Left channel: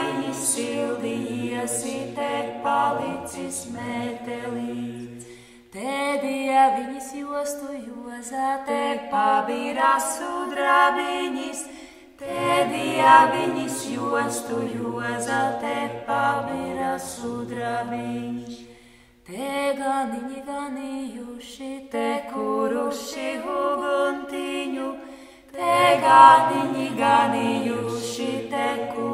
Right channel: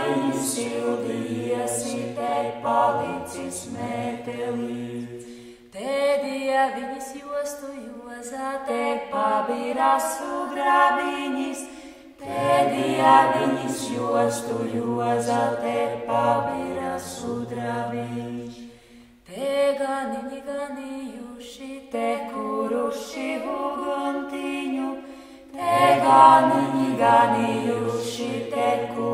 viņi sildījiesi, te palicis mētelīts. Tēdija viņas jostu jozā, te pabīrā sudrabiņas. Tēdija viņas jostu jozā, te pabīrā sudrabiņas. Te ganiņi ganījuši, te kuruši uguntiņu. Te ganiņi ganījuši, te kuruši.